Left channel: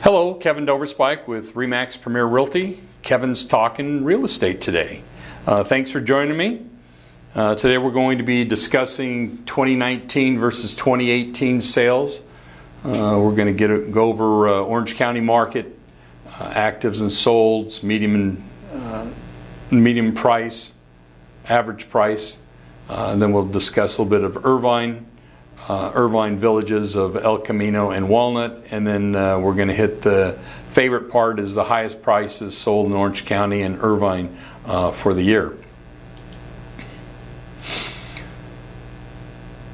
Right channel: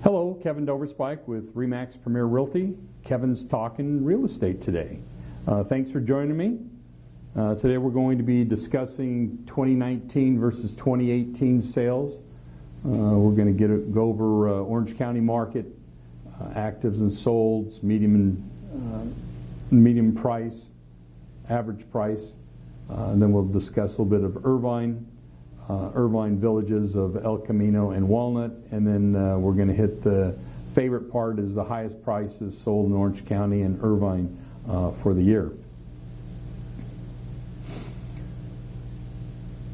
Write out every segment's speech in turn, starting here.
Hello, Kevin Doverspike with Remax Premier Realty. Kevin's talking real estate today. Thanks for joining me. Today we're going to be discussing 2019 versus 2018 sales. We're going to go over Orange County market, actives and solds, medium price, average price. And then we'll discuss a little bit of Irvine villages of El Camino and Walnut, and then we're going to hit the favorite part is the highest prices sold in Orange County and Irvine for the year.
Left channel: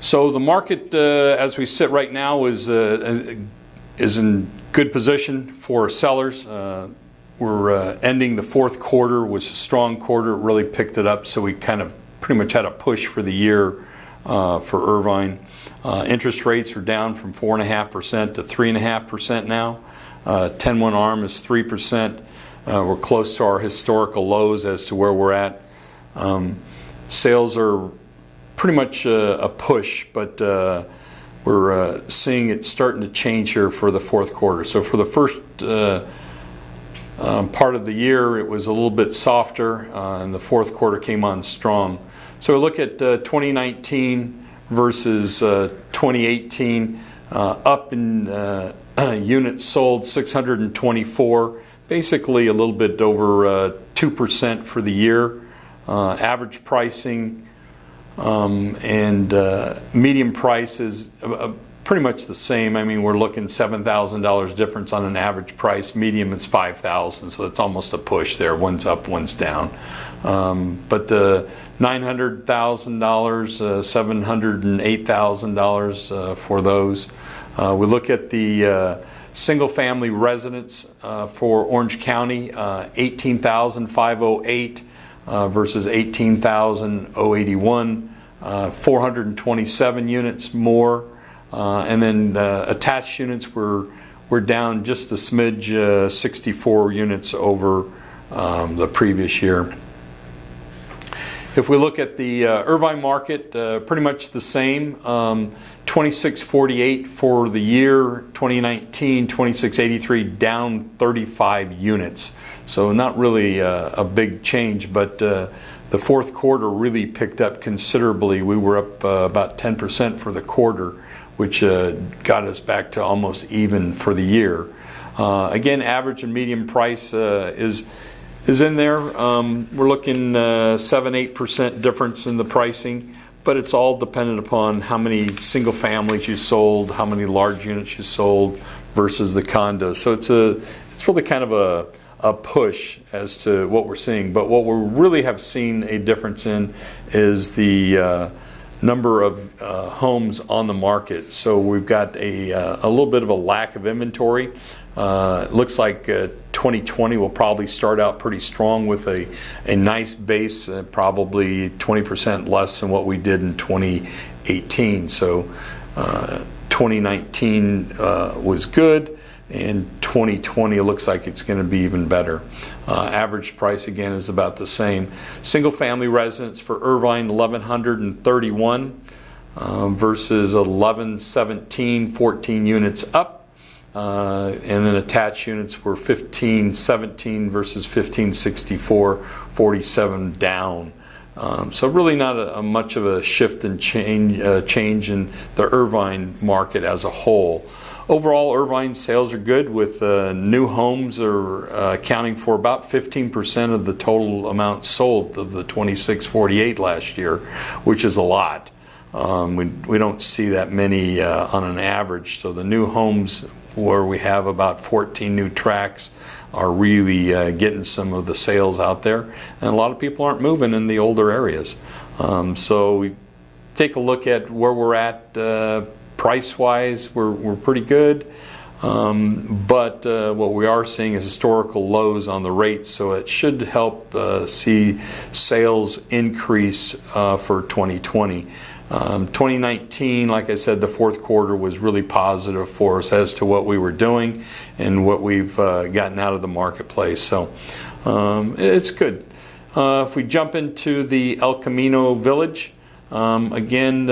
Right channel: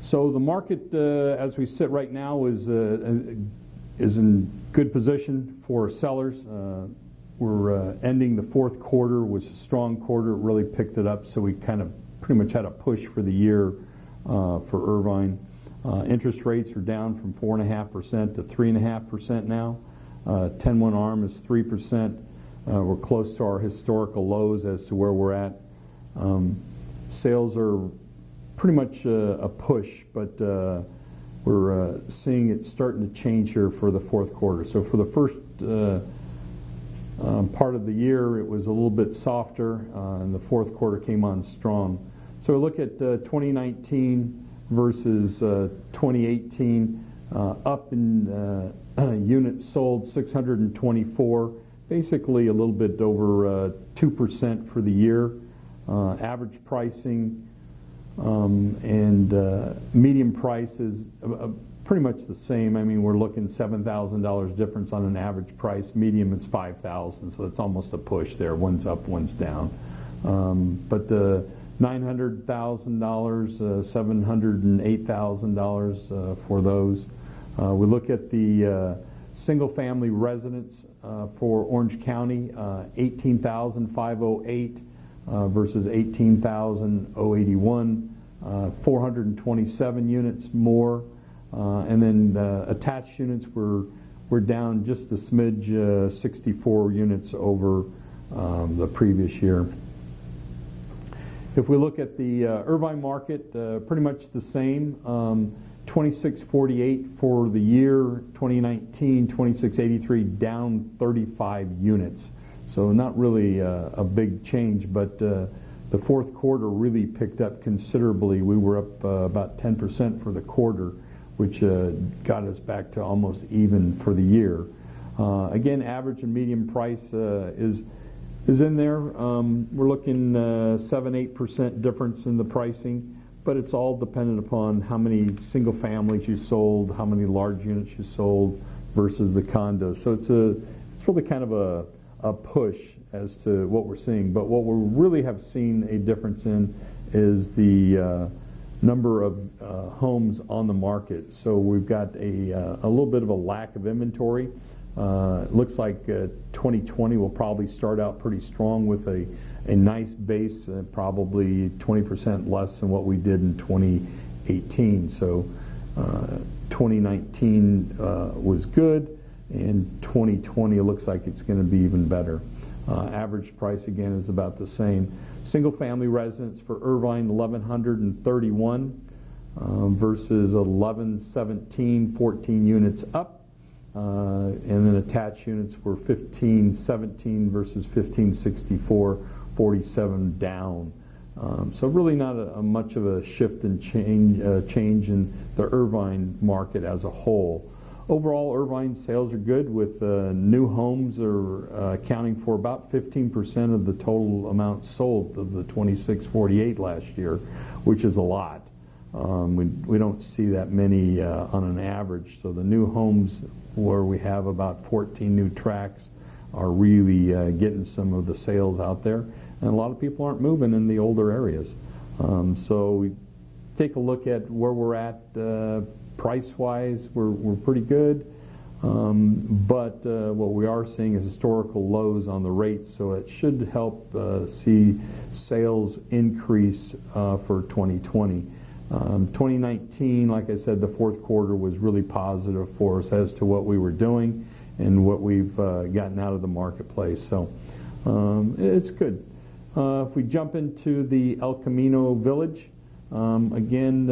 So the market as we sit right now is in good position for sellers. We're ending the fourth quarter was a strong quarter. It really picked it up, so we kind of pretty much had a push for the year for Irvine. Interest rates are down from 4.5% to 3.5% now. 10-1 ARM is 3%. We're close to our historical lows as to where we're at. Sales are pretty much a push, but we're seeing it starting to change here for the fourth quarter. So for the first part of the year, it was a little bit softer, and the fourth quarter came on strong. So we look at 2019 versus 2018, up in units sold 624, basically a little bit over 2% for the year. Average pricing and median price is pretty much the same. I mean, we're looking $7,000 difference on an average price. Medium is $5,000, so it's almost a push there. One's up, one's down. But $900,000, $708,000 for those. We look at the single-family residence for Orange County, 18,508 versus 18,081, 427 units more. And then attached units were down just a smidge, 64 units over the previous year. If we look at the Irvine market, pretty much the same, 2648 for the year 2019, 2683 down 35 units. So not really a big change, but the fourth quarter really picked up considerably. We were up about 10% for the quarter, which got us back to almost even for the year. Again, average and median price is in there. We're looking 7-8% difference in the pricing, but it's all dependent upon how many single families you sold, how many large units you sold versus the condos. So it's really kind of a push as to what we're seeing. But what we really have seen a difference in is the number of homes on the market. So we've got a little bit of a lack of inventory. It looks like 2020 will probably start out pretty strong with a nice base, probably 20% less than what we did in 2018. So 2019 was good, and 2020 looks like it's going to be even better. Average price again is about the same. Single family residence for Irvine 1,131 versus 1,117, 14 units up. And then attached units were 1517 versus 1564, 47 down. So really not much of a shift and change in the Irvine market as a whole. Overall, Irvine sales are good, with new homes are accounting for about 15% of the total amount sold of the 2648 last year, which is a lot. We don't see that many on an average. So the new homes, where we have about 14 new tracks, are really getting some of the sales out there, and a lot of people aren't moving in the older areas. So we take a look at where we're at price-wise. We're pretty good, but what we are seeing is historical lows on the rates, so it should help see sales increase for 2020. 2019, like I said, the fourth quarter was really positive for us as to what we were doing and what we've gotten out of the marketplace. So it's good. If we jump into the El Camino village, Again,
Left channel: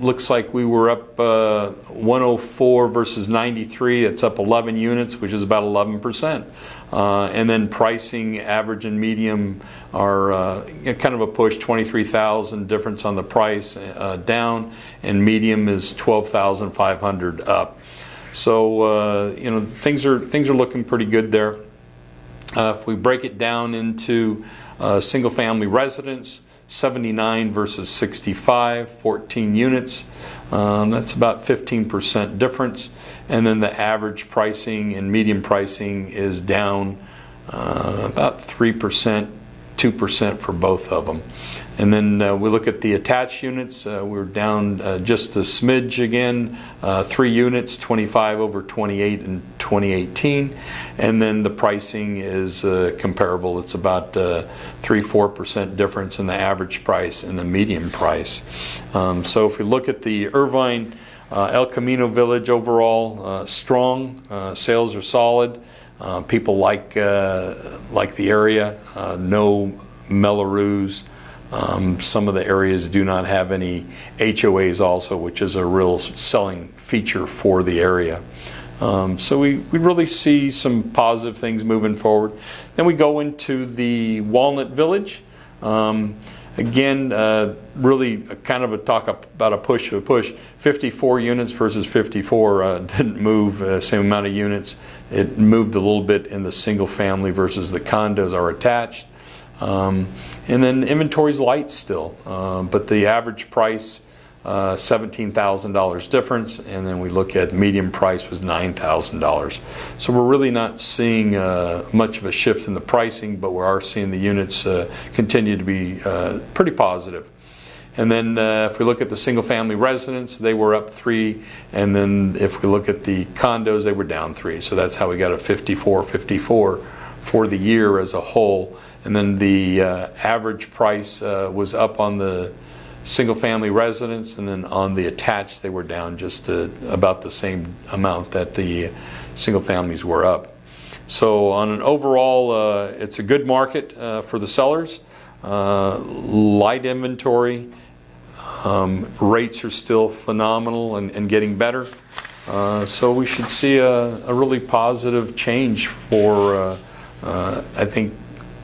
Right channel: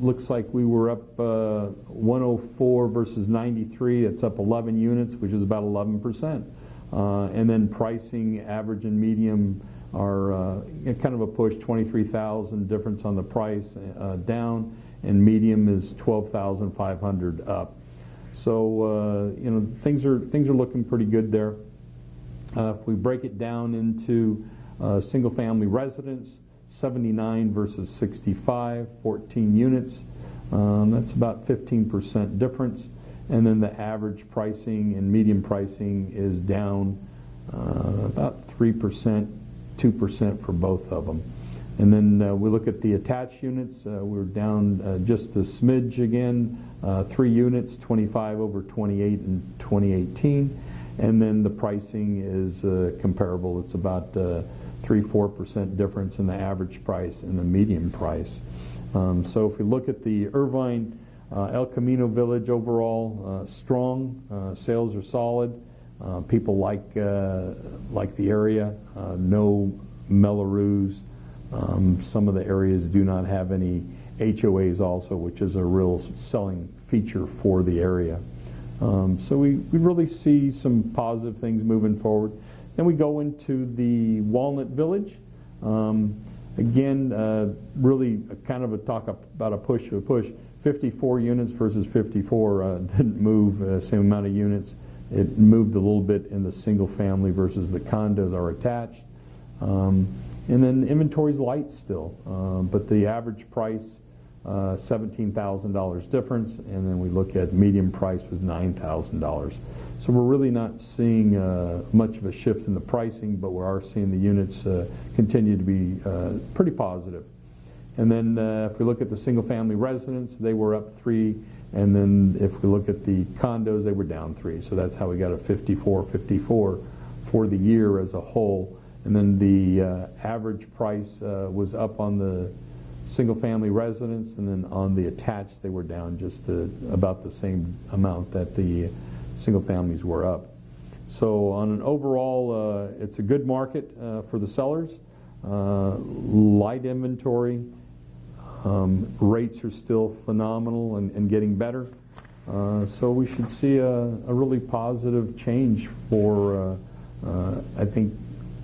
looks like we were up 104 versus 93. It's up 11 units, which is about 11%. And then pricing, average and medium are kind of a push, 23,000 difference on the price down, and medium is 12,500 up. So things are looking pretty good there. If we break it down into single-family residence, 79 versus 65, 14 units. That's about 15% difference. And then the average pricing and median pricing is down about 3%, 2% for both of them. And then we look at the attached units. We're down just a smidge again, 3 units, 25 over 28 in 2018. And then the pricing is comparable. It's about 3-4% difference in the average price and the median price. So if we look at the Irvine El Camino Village overall, strong. Sales are solid. People like the area. No Mellorews. Some of the areas do not have any HOAs also, which is a real selling feature for the area. So we really see some positive things moving forward. Then we go into the Walnut Village. Again, really kind of a talk about a push. 54 units versus 54 didn't move same amount of units. It moved a little bit in the single family versus the condos are attached. And then inventory's light still, but the average price, $17,000 difference, and then we look at median price was $9,000. So we're really not seeing much of a shift in the pricing, but we are seeing the units continue to be pretty positive. And then if we look at the single family residence, they were up 3, and then if we look at the condos, they were down 3. So that's how we got a 54-54 for the year as a whole. And then the average price was up on the single family residence, and then on the attached they were down just about the same amount that the single families were up. So on an overall, it's a good market for the sellers. Light inventory. Rates are still phenomenal and getting better. So we should see a really positive change for, I think,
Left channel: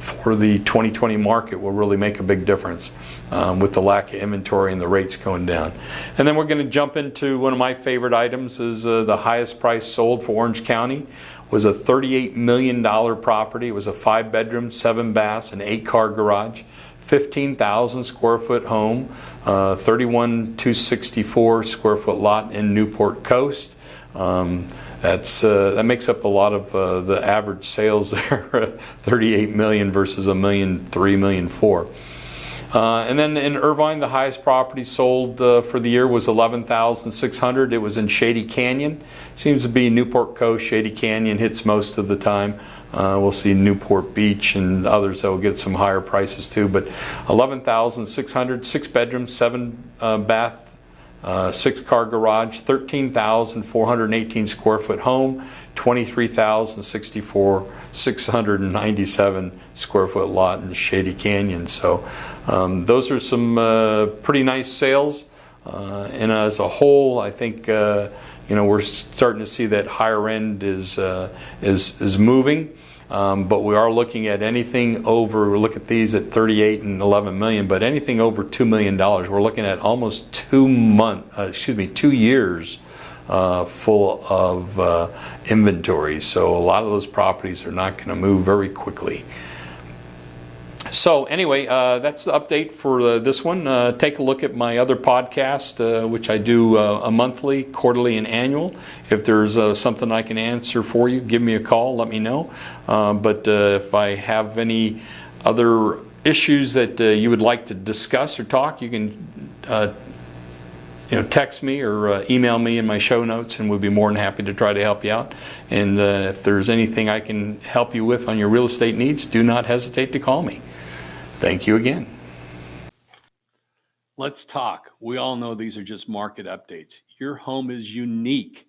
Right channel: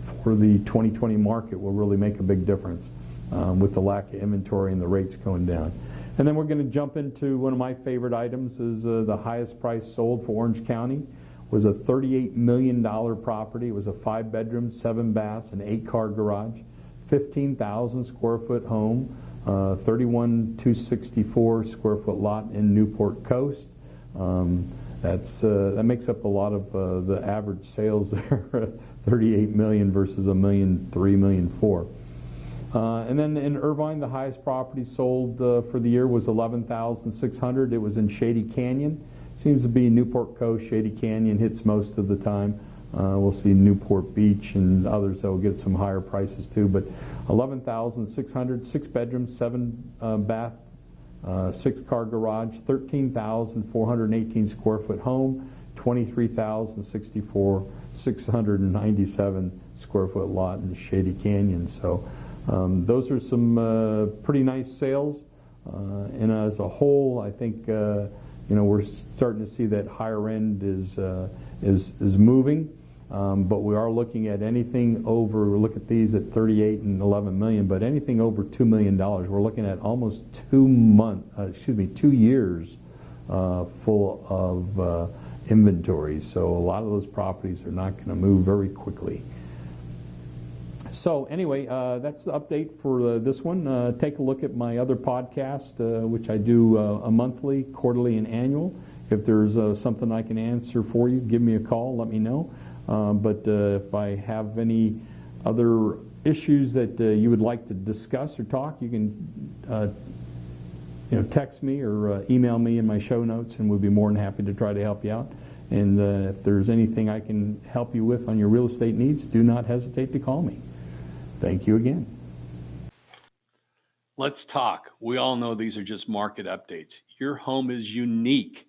for the 2020 market will really make a big difference with the lack of inventory and the rates going down. And then we're going to jump into one of my favorite items is the highest price sold for Orange County was a $38 million property. It was a 5-bedroom, 7 baths, and 8-car garage, 15,000 square foot home, 31,264 square foot lot in Newport Coast. That makes up a lot of the average sales there, 38 million versus $1.3 million, $1.4 million. And then in Irvine, the highest property sold for the year was 11,600. It was in Shady Canyon. Seems to be Newport Coast. Shady Canyon hits most of the time. We'll see Newport Beach and others that will get some higher prices too. But 11,600, 6 bedrooms, 7 bath. 6-car garage, 13,418 square foot home, 23,697 square foot lot in Shady Canyon. So those are some pretty nice sales. And as a whole, I think we're starting to see that higher end is moving. But we are looking at anything over, look at these at 38 and 11 million, but anything over $2 million, we're looking at almost 2 years full of inventory. So a lot of those properties are not going to move very quickly. So anyway, that's the update for this one. Take a look at my other podcast, which I do a monthly, quarterly, and annual. If there's something I can answer for you, give me a call, let me know. But if I have any other issues that you would like to discuss or talk, you can text me or email me in my show notes, and we'll be more than happy to try to help you out. And if there's anything I can help you with on your real estate needs, do not hesitate to call me. Thank you again. Let's talk. We all know these are just market updates. Your home is unique.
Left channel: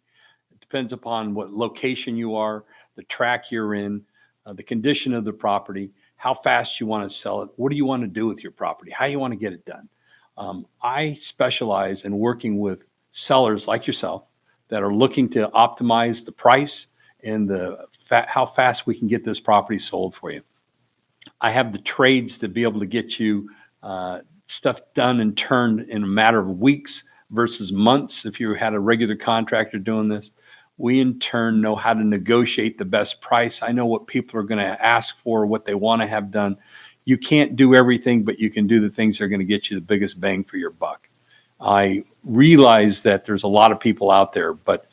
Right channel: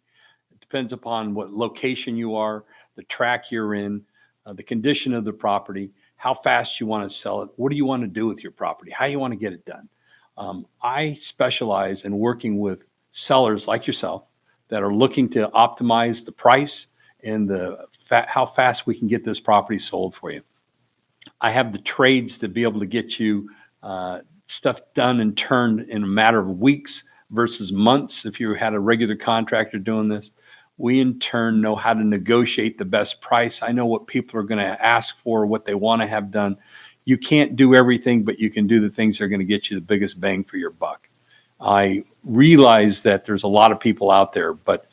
It depends upon what location you are, the track you're in, the condition of the property, how fast you want to sell it, what do you want to do with your property, how you want to get it done. I specialize in working with sellers like yourself that are looking to optimize the price and how fast we can get this property sold for you. I have the trades to be able to get you stuff done and turned in a matter of weeks versus months if you had a regular contractor doing this. We in turn know how to negotiate the best price. I know what people are going to ask for, what they want to have done. You can't do everything, but you can do the things that are going to get you the biggest bang for your buck. I realize that there's a lot of people out there, but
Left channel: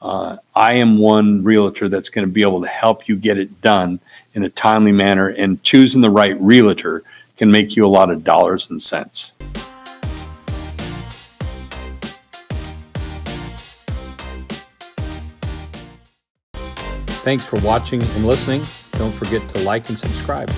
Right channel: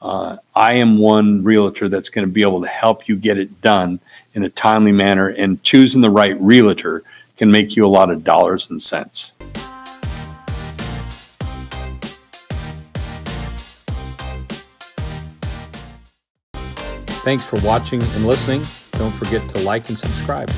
I am one realtor that's going to be able to help you get it done in a timely manner, and choosing the right realtor can make you a lot of dollars and cents. Thanks for watching and listening. Don't forget to like and subscribe.